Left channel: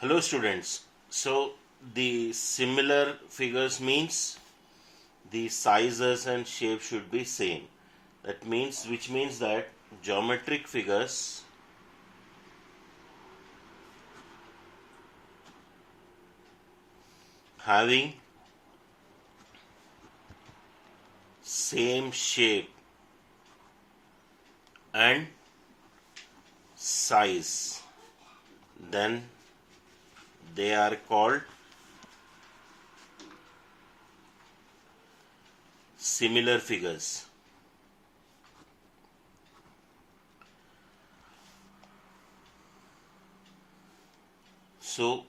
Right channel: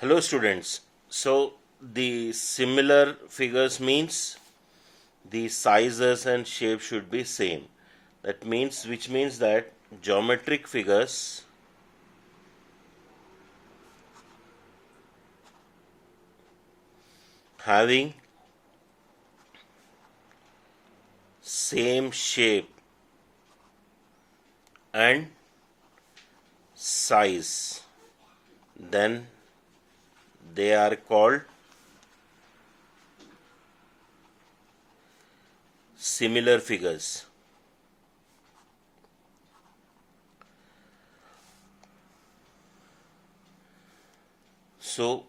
Hello students. So the similar figures means the sizes and shape should be same. Which means that geometric figures having same shape and size, then they are called similar figures. So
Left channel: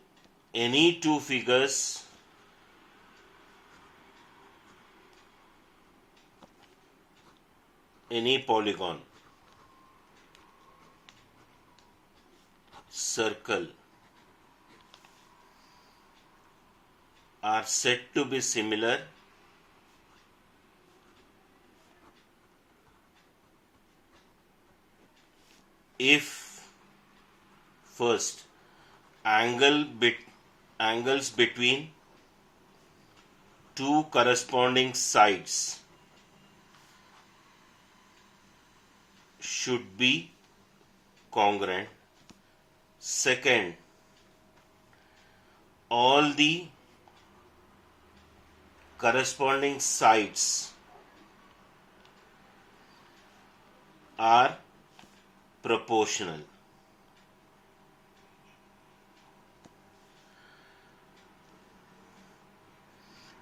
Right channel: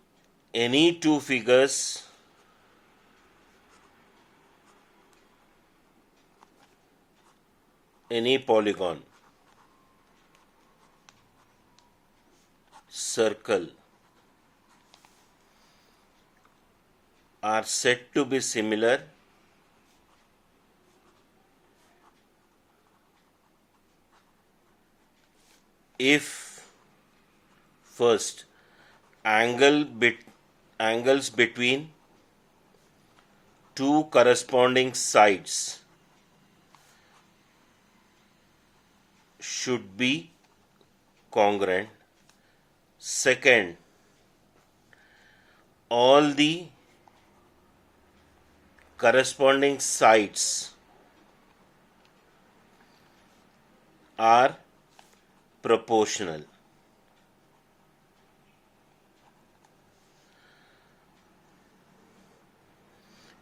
any two figures any polygon, circle are said to be similar if first angles between two corresponding sides should be congruent. Second, all the corresponding sides are proportional.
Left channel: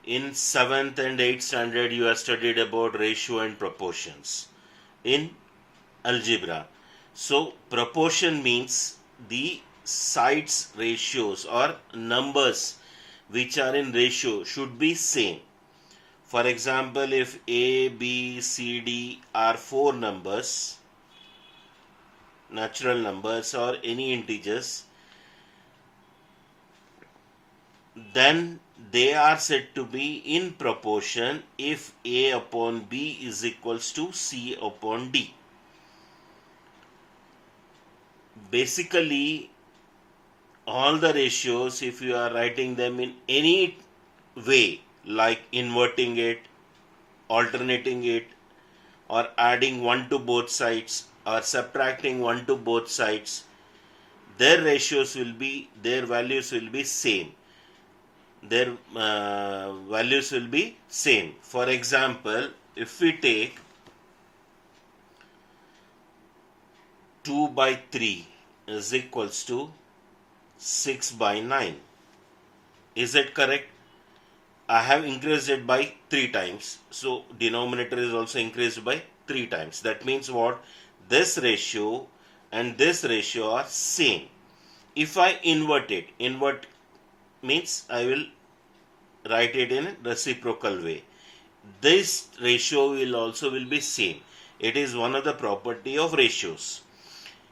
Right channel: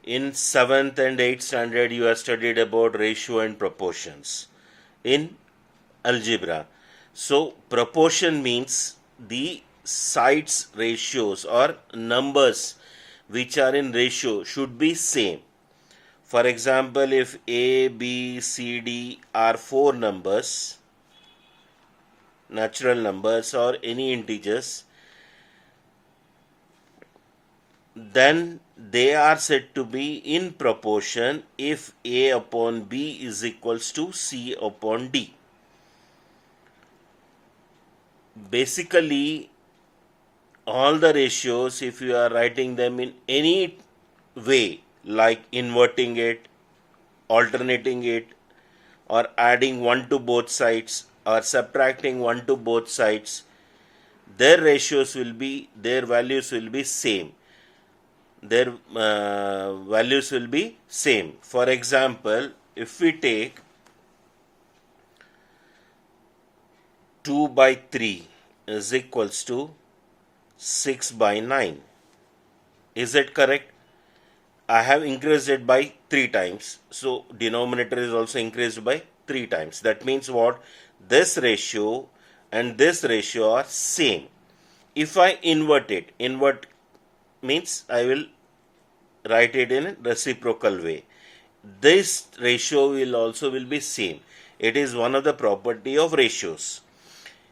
In 7th and 8th standard, you have studied about ratio and proportions in algebra. So, proportion means the sides ratios or numbers which are in ratio should be same. For example, if A, B, C, D are four numbers, natural numbers or any integers, then they are said to be in proportion if A upon B is equals to C upon D. Basically, all the ratios, if you are writing them in any way, like inverting it, alternating it, or adding 1 to both sides, or subtracting 1 to both sides, their values will be same. Their values will be same. For example, if we take 2 by 3 is equals to 6 by 9. Is it correct? I have increased it by 3 times. So denominator is also increased by 3 times. That means what? This ratio and this ratio are same. If I invert it, invert means I will write it in a reciprocal way. This ratio will be same. It is one of the property of ratios.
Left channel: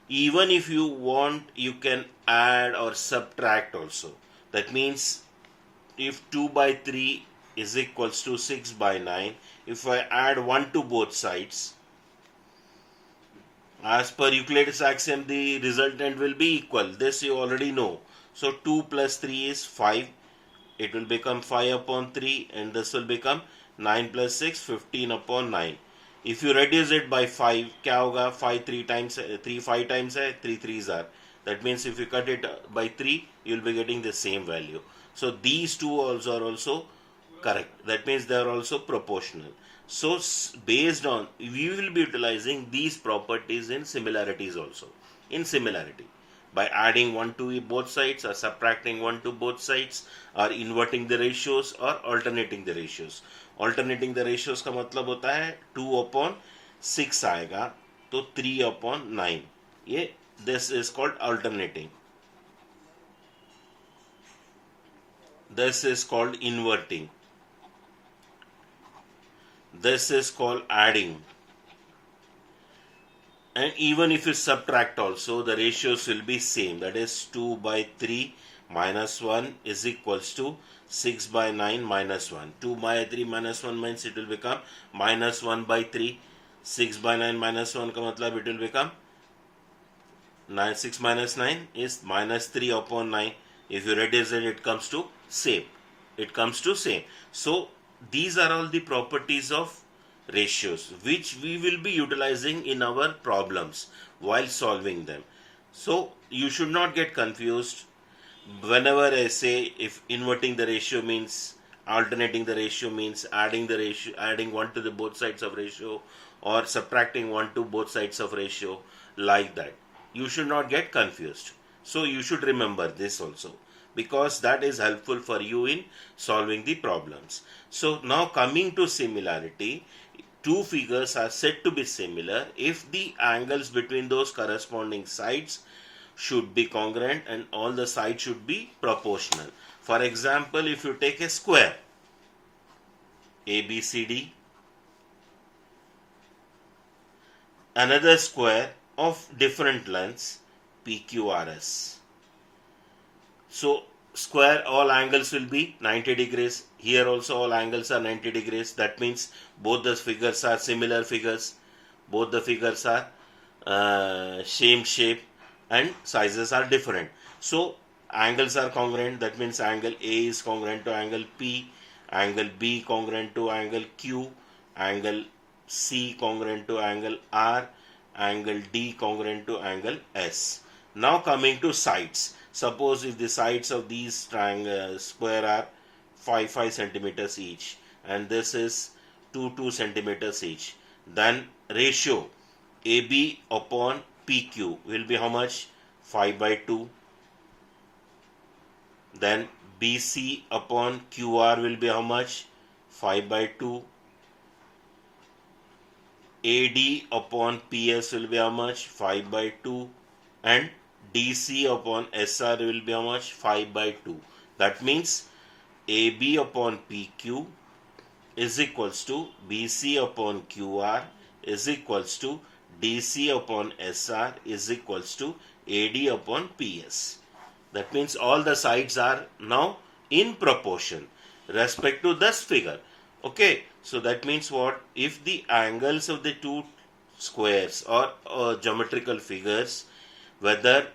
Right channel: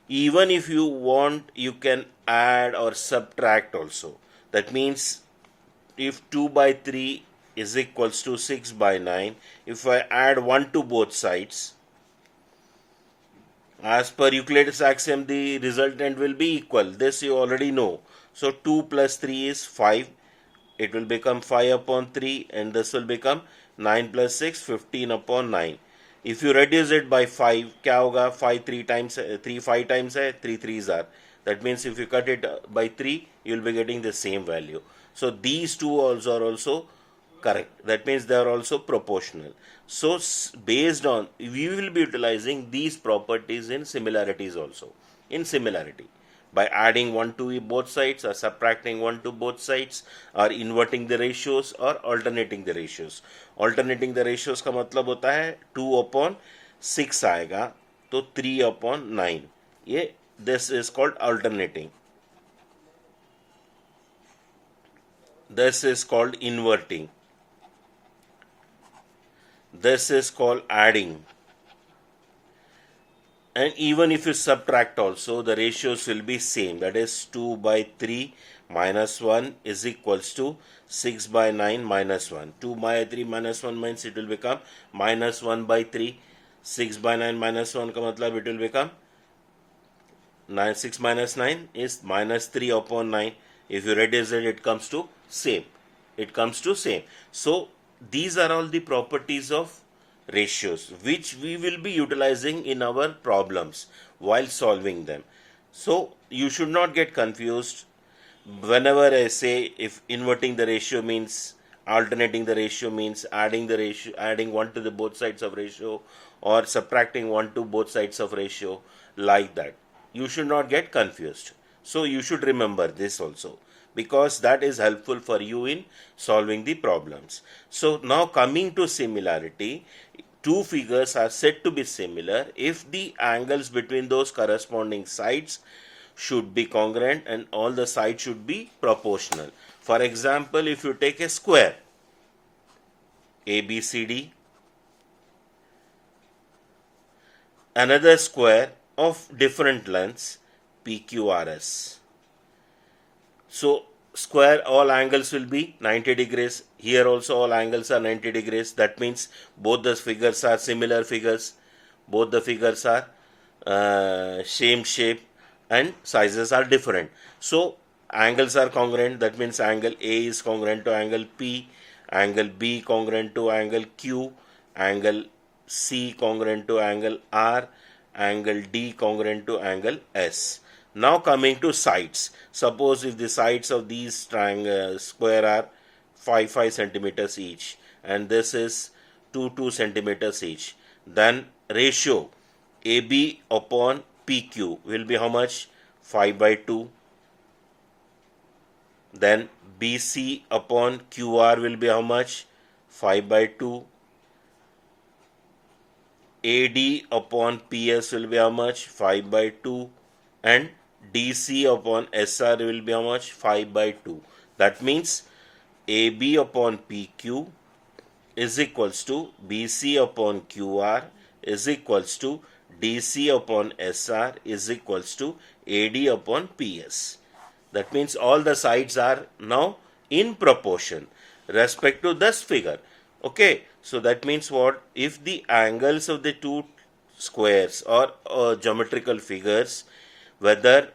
Even if you want, you can add or subtract also. That means if 2 by 3 is equals to 6 by 9, if I add 1 to both sides, as per Euclid's axiom, the resultant will be equal. This you already know. So 2 plus 3 is 5. It will become 5 upon 3, and this will become 9 plus 6, 15 upon 9. If you reduce it by 5, क्या होगा? 5 3 times 3 5 times है, 3 3s are. That means if you cut it by 3, you will be getting the same value. So these two also are also correct. That means they are also proportional. So based on, we will be utilizing these properties in similarities also. In similarity, by adding 1 to both sides, or subtracting 1 to both sides, or inverting the ratios, or alternating the ratios. Alternating the ratios का मतलब होता है 2 upon 6 आएगा तो 3 upon 9. ये this is called alternating. This is called inverting. This is called adding. And even if you subtract also, the ratios will be same. That is 2 by 3 minus 1 is equals to 6 by 9 minus 1. 2 by 3 minus 1 means it will become minus 1 by 3. 6 by 9 minus 1 का मतलब it will become 6 minus 9 is minus 3 upon 9. If you reduce it, it comes to same. It comes to same. So these are all the properties of ratios which we will be utilizing in our problems while solving them. So you should not get confused. Whenever I say if inverting the ratio means alternating the ratio means adding the ratio, adding 1 to the both sides of ratio, or subtracting 1 to both sides of ratio, like that, you should not get confused. So you should remember this also, because that is helpful for you in solving the problems. So now coming to similarity, two figures are said to be similar if the angles between those corresponding sides should be congruent and all the sides should be proportional. For example, if you take a square ABCD, another square of different lengths PQRS. So square, all angles will be 90 degrees. Here also all angles are 90 degrees. That means both the figures are similar figures. Both the figures are same shape and sizes are different. So angles are congruent. That means angle A is congruent to angle P, angle B congruent to angle Q, angle C congruent to angle R, angle D congruent to angle S. Now coming to sides. Suppose if the sides of these triangle square are 5 centimeters each and this is 2 centimeters each, then ratio AB upon PQ will be how much? 5/2. Then BC upon QR will be how much? 5/2. AD upon PS will be how much? 5/2. And DC upon SR will be how much? 5/2. That means AB upon PQ is equals to BC upon QR is equals to DC upon SR is equals to AD upon PS. That means all the sides are now in proportion respect to this figure. Okay, so that means what? If the angles of the two squares or geometrical figures, whether,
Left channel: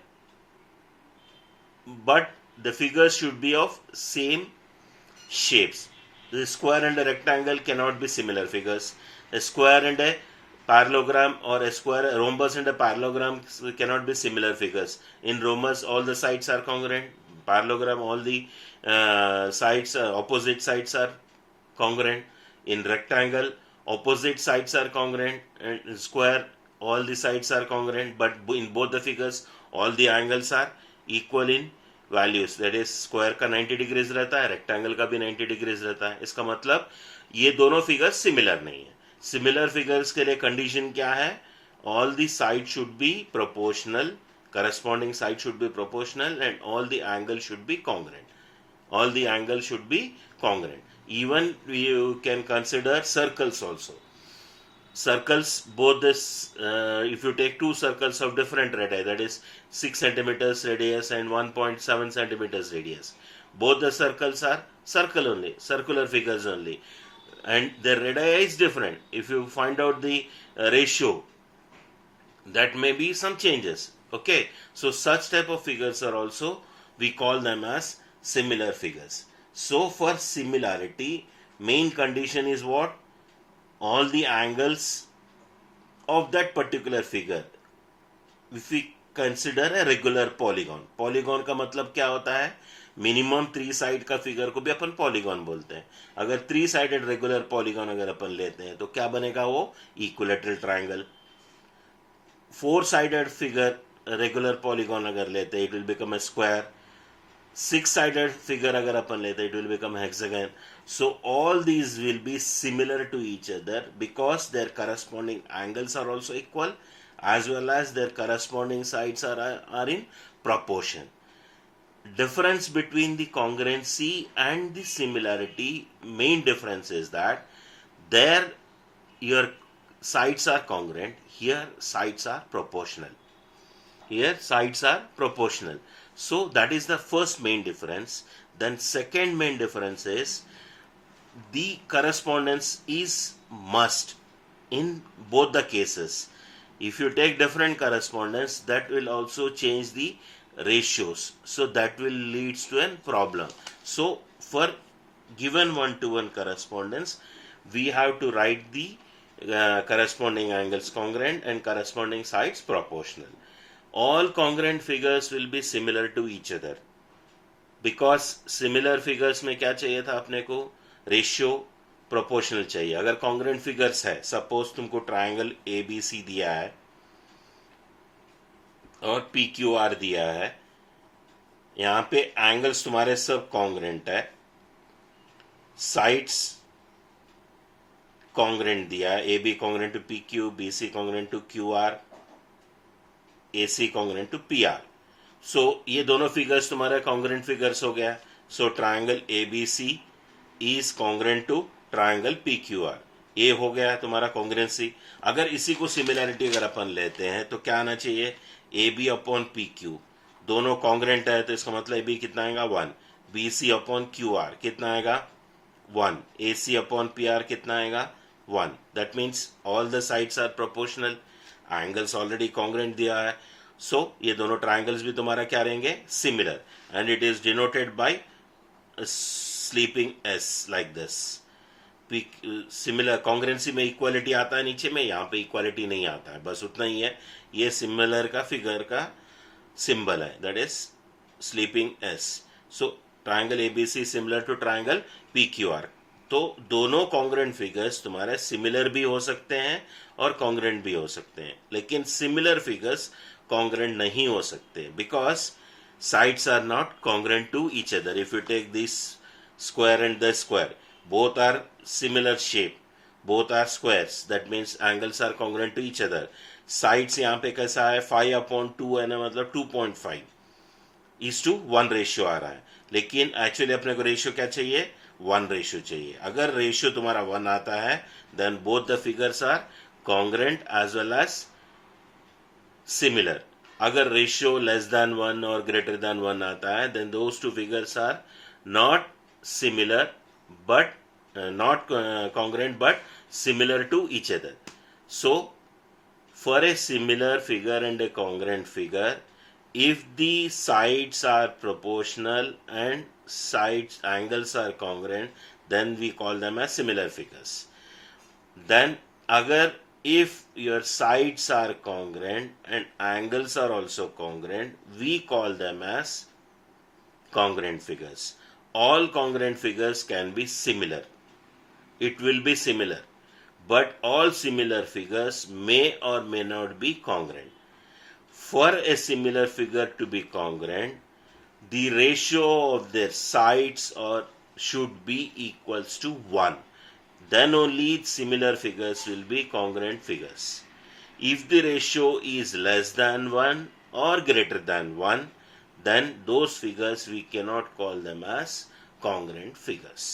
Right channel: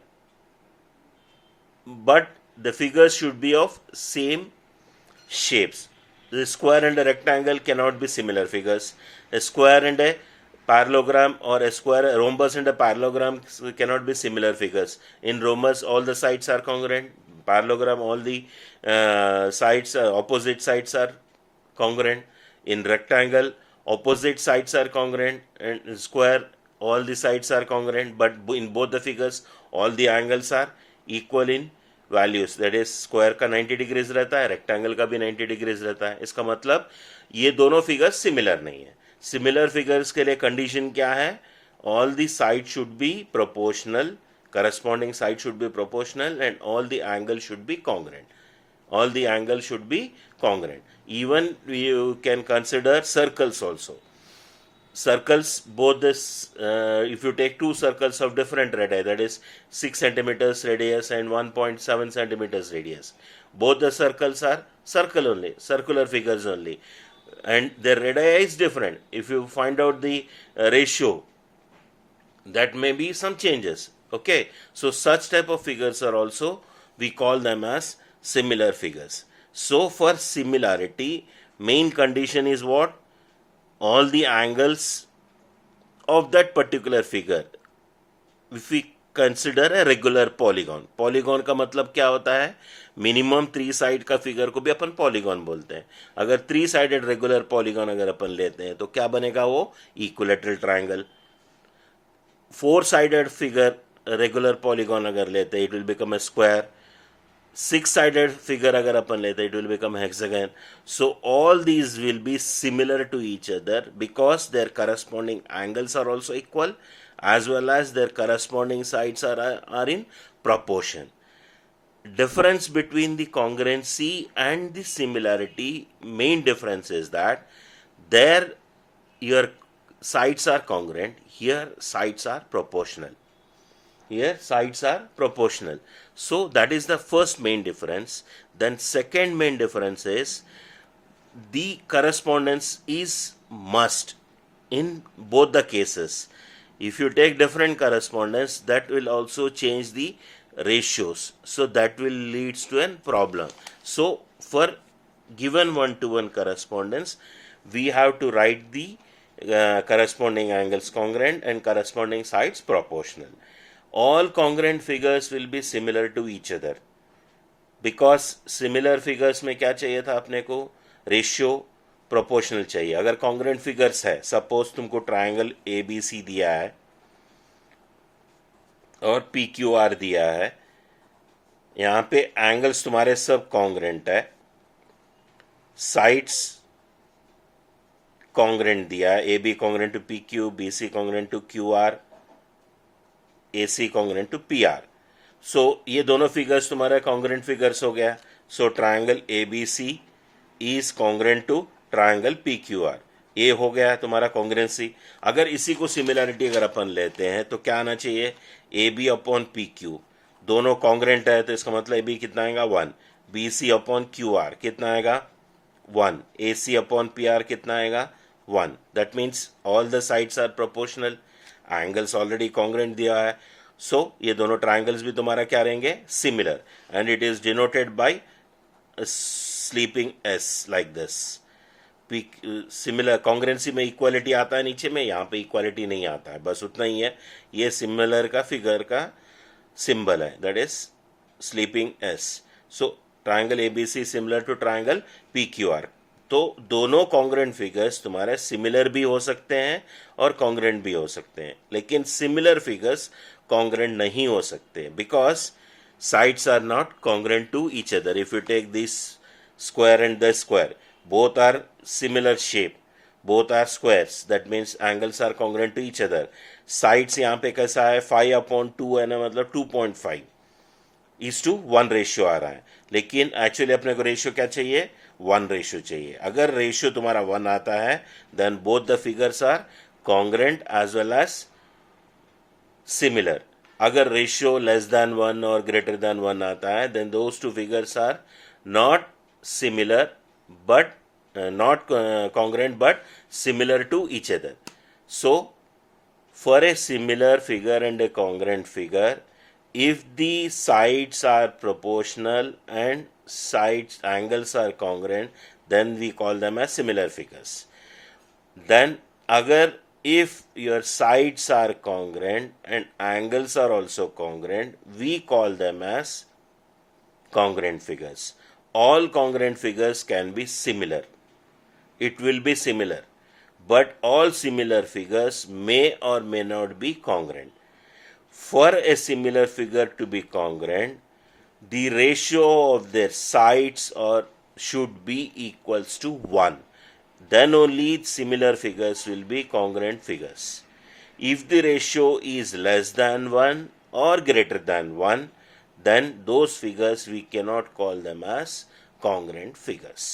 but the figures should be of same shapes. The square and a rectangle cannot be similar figures. A square and a parallelogram or a rhombus and a parallelogram cannot be similar figures. In rhombus, all the sides are congruent. Parallelogram, all the opposite sides are congruent. In rectangle, opposite sides are congruent, and in square, all the sides are congruent. But in both the figures, all the angles are equal in values. That is square का 90 degrees रहता है, rectangle का भी 90 degrees रहता है. इसका मतलब ये दोनों फिगर्स सिमिलर नहीं है. सिमिलर फिगर्स के लिए कंडीशन क्या है? All the side should be proportional, corresponding side should be proportional, and all the angles should be congruent. All the angles should be congruent. Even you can consider circles also. Circles, both this, if you take two circles of different radii, that is 6 centimeters radius and 1.7 centimeters radius, both the circles are circle only, circular figures only, and their radii is different. If you find out the ratio, that may be some changes. Okay, so such type of figures are also, we call them as similar figures. So for similarity, main condition is what? All the angles of that particular figure, if we consider a regular polygon. Polygon का मतलब क्या होता है? Minimum 3 side का figure को भी अपन polygon बोलते हैं. अगर 3 साइडेड रेगुलर पॉलीगॉन अगर अपन लेते हैं तो क्या बनेगा? वो equilateral triangle. 4 sided figure regular polygon अगर लेते हैं, it will become a square. 6 sided figure अगर अपन लेते हैं, it will become hexagon. So all these will be similar to each other because their corresponding angles are also equal, as well as their corresponding sides are in proportion. Difference between the congruency and the similarity, main difference is that there your sides are congruent, here sides are proportional. Here sides are proportional. So that is the first main difference. Then second main difference is the correspondence is must in both the cases. If you take different correspondence, that will also change the ratios. So that will leads to a problem. So for given one-to-one correspondence, we have to write the corresponding angles congruent and corresponding sides proportional. All congruent figures will be similar to each other. Because similar figures में क्या चाहिए था अपने को, ratio proportional चाहिए. अगर congruent figures है, suppose तुमको ट्रायंगल ए बी सी दिया है और पी क्यू आर दिया है, यहां पे एंगल्स तुम्हारे सब कॉन्ग्रेंट है, साइड्स कॉन्ग्रेंट दिया है, A B congruent to P Q, B C congruent to Q R, A C congruent to P R. So ये दोनों फिगर्स तुम्हारा कॉन्ग्रेंट फिगर्स हो गया. So triangle A B C is congruent to triangle P Q R. ये हो गया तुम्हारा कॉन्ग्रेंसी. अगर इसी को सिमिलरिटी अगर अपन लेते हैं तो क्या आना चाहिए, A B upon P Q, दोनों कॉन्ग्रेंट है तो इसका मतलब ए बी कितना आएगा 1, B C upon Q R कितना आएगा 1, A C upon P R कितना आएगा 1. That means all the sides are proportional, angles already congruent दिया है. सो ये दोनों ट्रायंगल्स भी तुम्हारा क्या रहेंगे, similar, and it is denoted by sleeping S like this. Similar कॉन्ग्रेंसी में इक्वालिटी आता है नीचे में, यहाँ पे इक्वालिटी नहीं आता है, बस उतना ही है. ये सिमिलर का फिगर का सिंबल है, that is sleeping S. So triangle ABC similar to triangle P Q R. तो दोनों कॉन्ग्रेंट फिगर्स तुम्हारे सिमिलर भी हो सकते हैं और कॉन्ग्रेंट भी हो सकते हैं, लेकिन सिमिलर फिगर्स कॉन्ग्रेंट नहीं हो सकते because sides are not congruent to each other. If you take this square and the square, both are similar shape, both are squares, that means angles are congruent to each other. Sides यहाँ पे कैसा है 5/2 है ना, मतलब 2.5 is to 1 ratio आ रहा है, लेकिन एक्चुअली अपने को रेशियो क्या चाहिए, 1 रेशियो चाहिए. अगर रेशियो तुम्हारा 1 आता है then both the figures are congruent as well as similar. अगर रेशियो लेस देन 1 और ग्रेटर देन 1 आता है then those two figures are not similar but not congruent but similar to each other. So for a similar figure and a congruent figure, if the sides are proportional and sides angles are congruent, then we call them as similar figures. Then agar if your sides are congruent and angles are also congruent, we call them as congruent figures. All congruent figures can be similar. It will be similar, but all similar figures may or may not be congruent. For a similar figure to be congruent, the ratio of their sides should be equals to 1. Then only similar figures will be congruent figures. If the ratio is less than 1 or greater than 1, then those figures we cannot call them as congruent figures.